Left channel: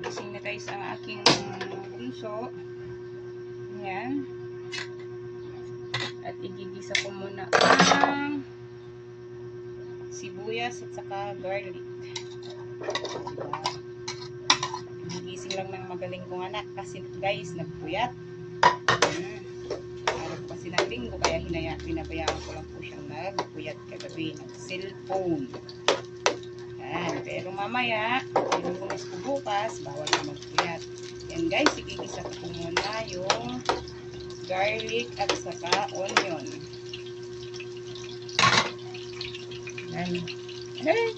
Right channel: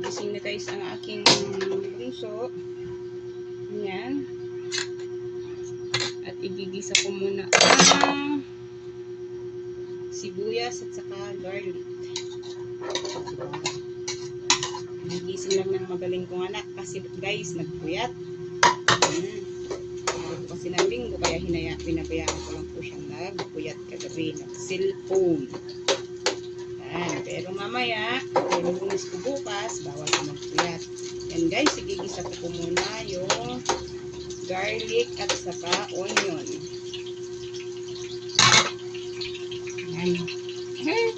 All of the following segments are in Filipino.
Nagising na guys ang aking bunso. Yan. At igigisa ko muna ang sibuyas at saka garlic. Nagising lang ng magaling kong anak kasi guys nagpuyat. Kasi ng linggo kaya pinabayaan ko lang po siyang nagpuyat kagabi ng cellphone. Pero mamaya, yung pulis ko bukas, bawal ka magpuyat. Yan guys, igigisa ko muna yung garlic at saka onion. Yan. Hey,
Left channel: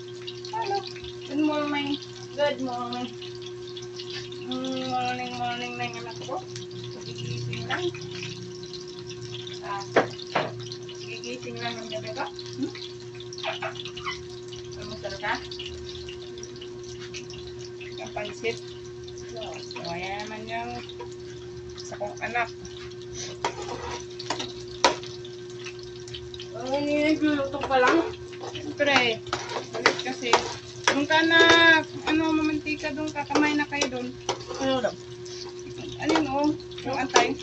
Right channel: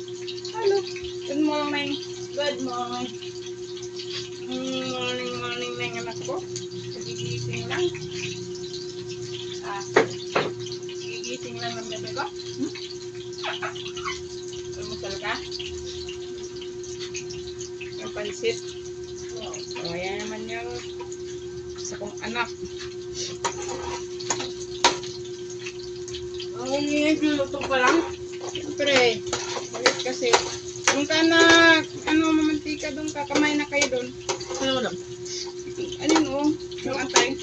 hello. Good morning. Good morning. Morning na yung anak ko. Gigising lang. Gigising lang ng gabi ba? Almusal ka? Ang pansit. Kaya naman yung sa kong anak. Nagluluto pa lang. Siyempre, balik kasi. Doon ka na, mamantika doon ka. Kamay na kayo doon. Ano daw? Ano no? Yung antay.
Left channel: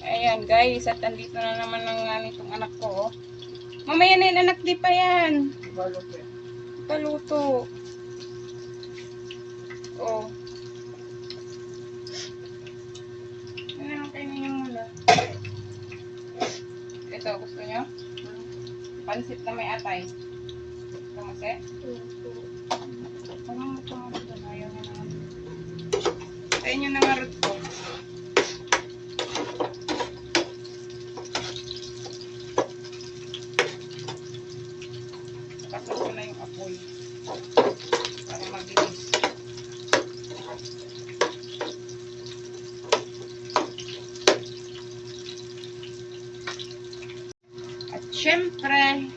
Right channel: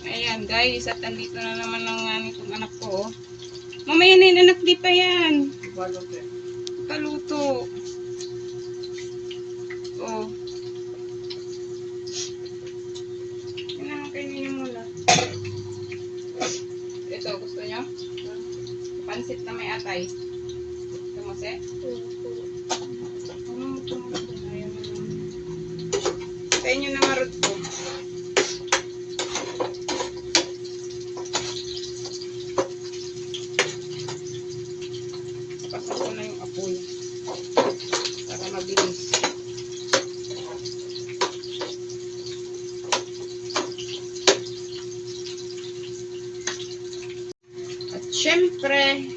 Ayan guys, at andito na naman ang nitong anak ko. Mamaya na yung anak, di pa yan. Paluto. Oh. Yan naman kayo ninyo muna. Ito, gusto nyo? Pansit na may atay. Kamase? Tayo nyo na marot ko. Pasok ko na yung apoy. Para mabilis. At syempre,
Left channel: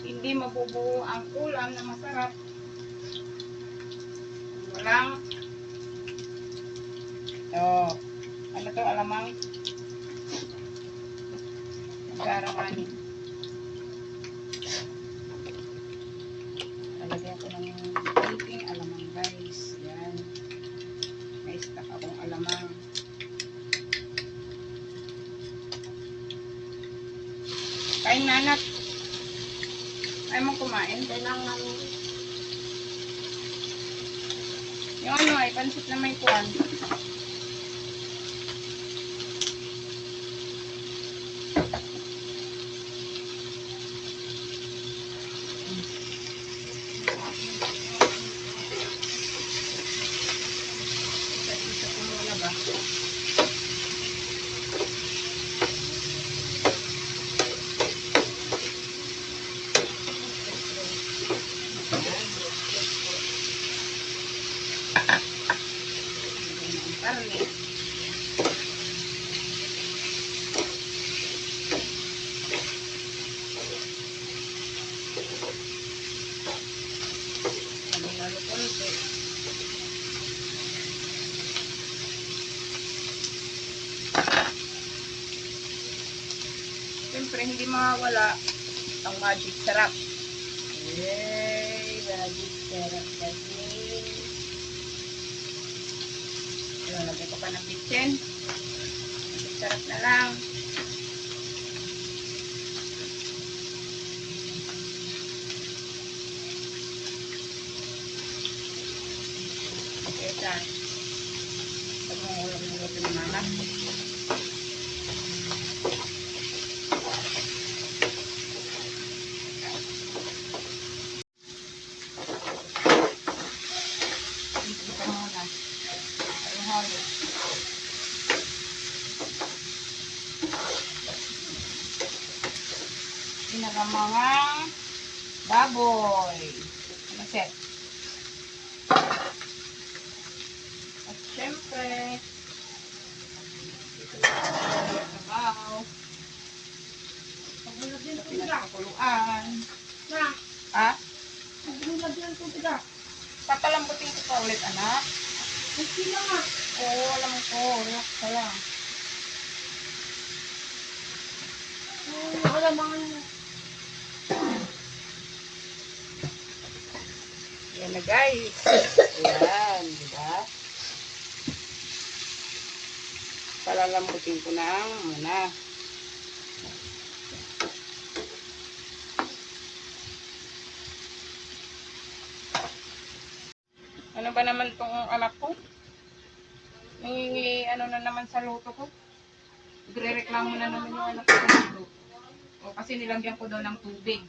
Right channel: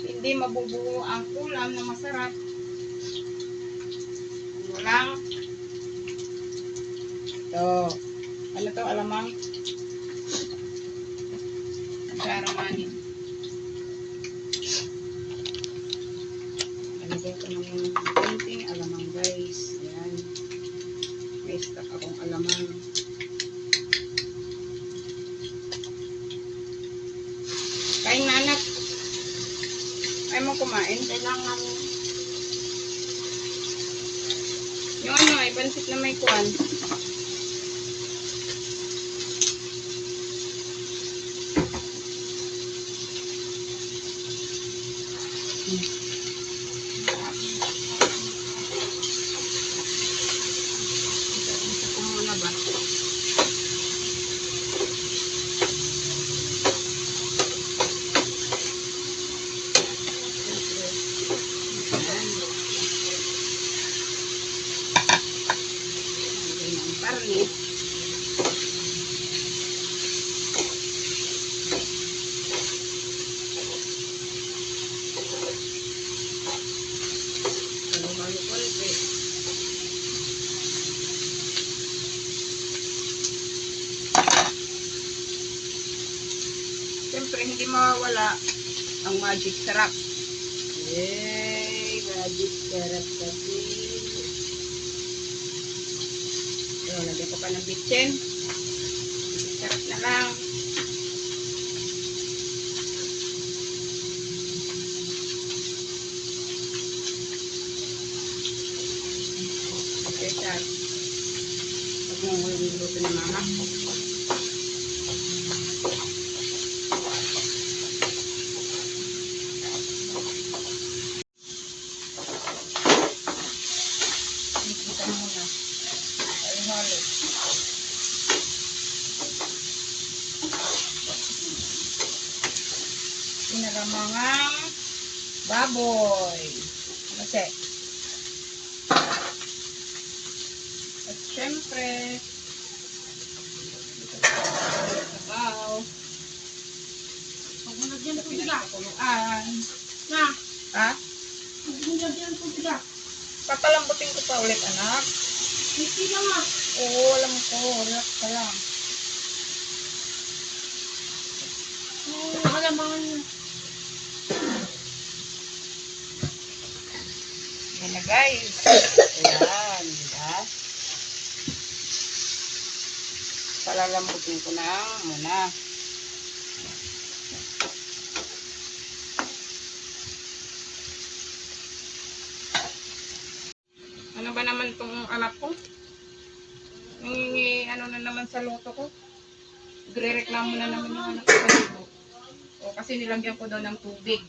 hindi mabubuo ang ulam na masarap. Walang ano to, alamang garanganin. Nalagyan ko ng kunting alamang guys. Yan. May stock akong alamang. Kain na anak. Ayaw mo kumain? Kailangan yung ano ay pansit na may kuwan. Siyempre, hindi mawawala ang magic sarap. Yay! Magic sarap kasi. Lagyan ko pa ng bitchin. Magic sarap na lang. Okay, saan? Pag mo niluluto ng mama. Mga baboy. Kasi. At syempre, dito sa sabaw. Pagmunod yan Sa ang tubig. pinagkakuluan. Na. Ha? Pagmunod yan ang tubig. Papalambutin ko pa ulit, anak. Hindi lang nga. Oo, alam ko. Relax ka lang. Alam mo. Yan Ayan na guys. Ayan, diba? Palalambutin ko na muna. Ano ba naman itong anak ko? Nangingi ano na naman sa luto ko. Nagre-reklamo na naman yung anak ko sa luto. O kasi nilagyan ko daw ng tubig.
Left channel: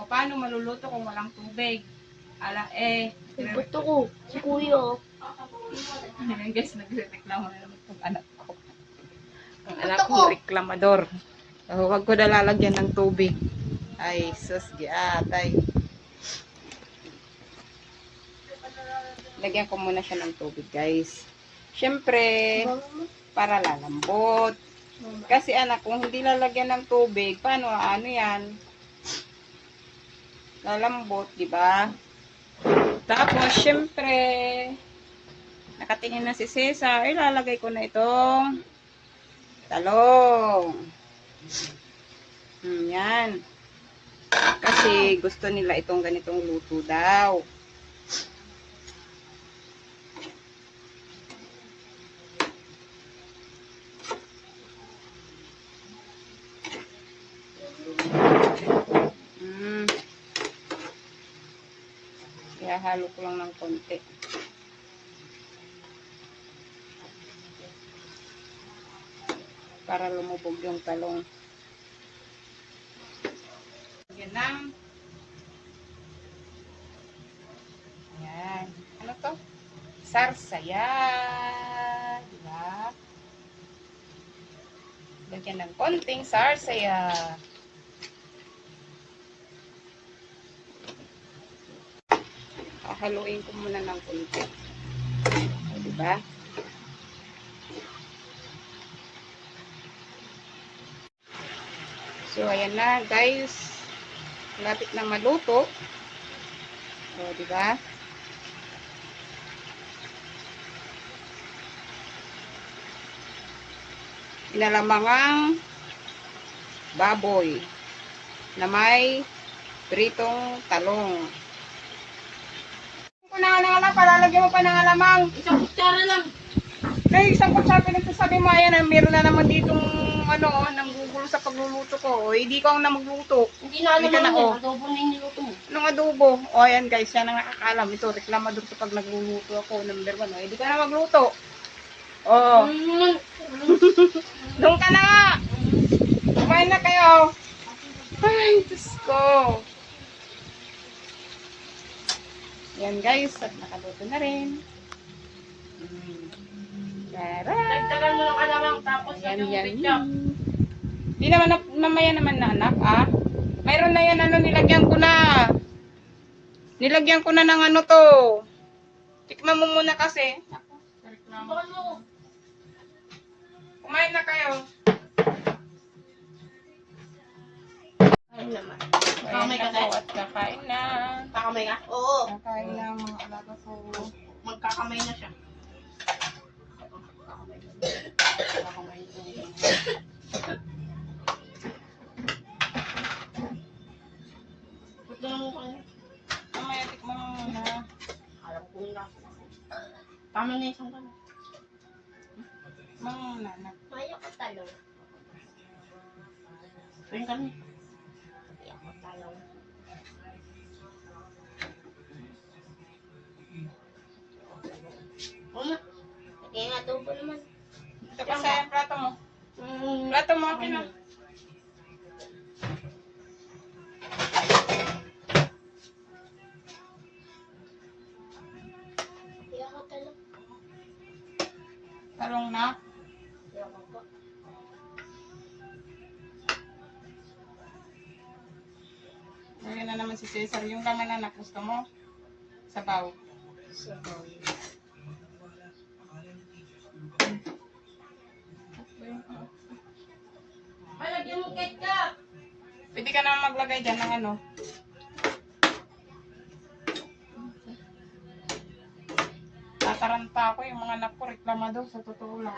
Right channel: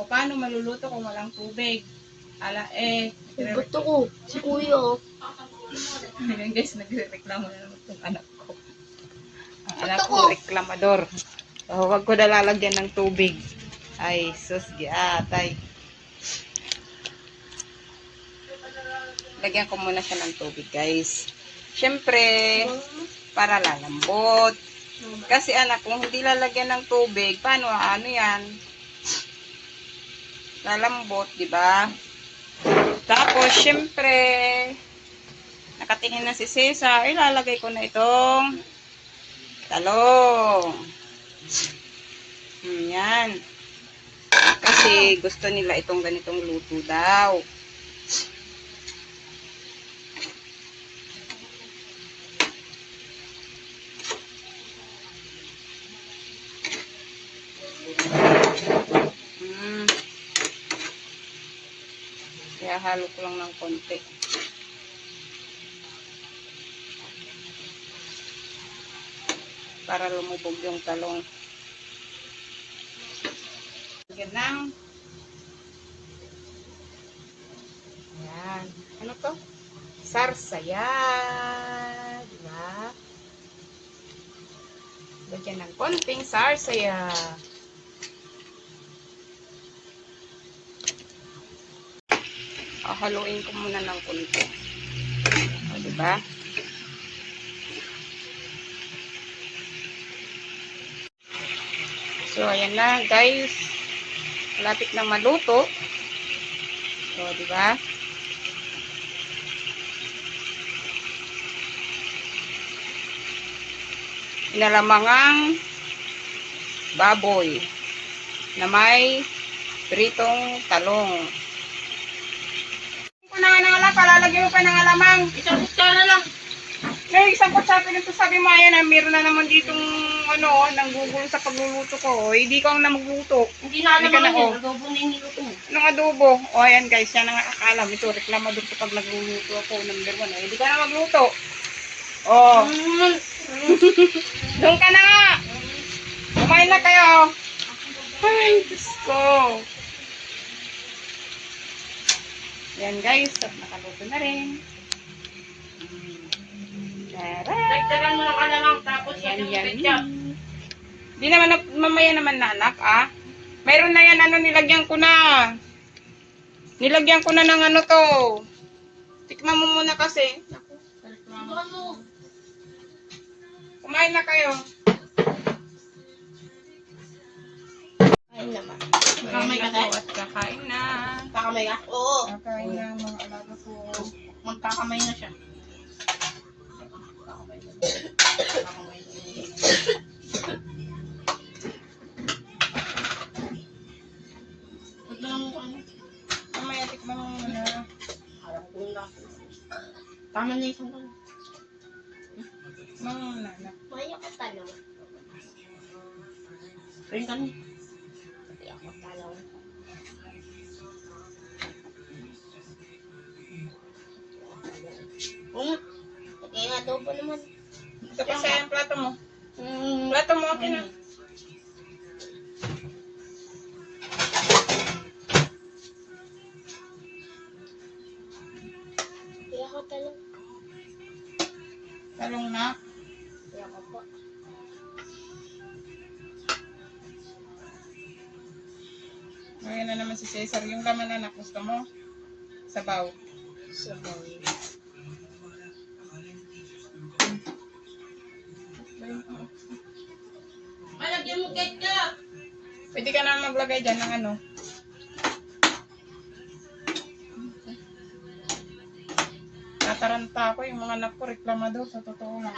O paano maluluto kung walang tubig? Ala Buto ko. Si kuya oh. Ayun guys, nagre-reklamo na naman itong anak ko. Ang anak ko, reklamador. So, huwag ko na lalagyan ng tubig. Ay, sus, giatay. Lagyan ko muna siya ng tubig, guys. Siyempre, para lalambot. Kasi anak, kung hindi lalagyan ng tubig, paano, ano yan? Lalambot, di ba? Tapos, siyempre, nakatingin na si Cesar, ilalagay ko na itong talong. Yan. Kasi gusto nila itong ganitong luto daw. Kaya halo ko lang ng konti. Para lumubog yung talong. Yan lang. Yan. Ano to? Sarsaya. Diba? Lagyan ng konting sarsaya. Haluin ko muna ng konti. O, diba? So, ayan na, guys. Malapit na maluto. So, diba? Inalamangang baboy na may pritong talong. Kung nangangalang, palalagyan mo pa ng alamang. Isang kutsara lang. Isang kutsara pinagsasabi mo, ayan, meron na naman ditong nanggugulo sa pagluluto ko. Hindi ka na magluto. Hindi na alam Hindi ka na, mo yun. Adobo na yung niluto mo. Anong adobo? O, ayan guys, yan ang nakakalam. Ito, reklamador ko pag nagluluto ako. Number 1, hindi ka na magluto. O, doon ka na nga. Kumain na kayo. Ay, Diyos ko. Yan guys, at nakaluto na rin. Tara! Dagdagan mo ng alamang tapos Yan, yung yan. ketchup. Di naman, mamaya naman na anak, ah. Mayroon na yan, nilagyan ko na. Nilagyan ko na ng ano to. Tikman mo muna kasi. Ako, reklamo. Kumain na kayo. Ayun naman. Kumain na po at kakain na. Kakamay ka? Oo. Kakain na mga alaga ko. Magkakamay na siya. Ba't na naman kami? Mamaya, tikman mo muna. Alam ko na. Tama na isang tanong. Tikman mo muna, anak. Maya ko tanong. Rin kami. Maya ko tanong. Kaya nga adobo naman. Ito pa sa yung plato mo. Plato mo, akin na. Kaya ko tanong. Talong na. Kaya ko po. Ngayon na naman si Cesar. Yung laman anak, gusto mo? Sabaw. Sabaw. Malagyan mo ketchup. Pwede ka na maglagay dyan ng ano. Tataranta ako yung mga anak ko, reklamador, sa totoo lang.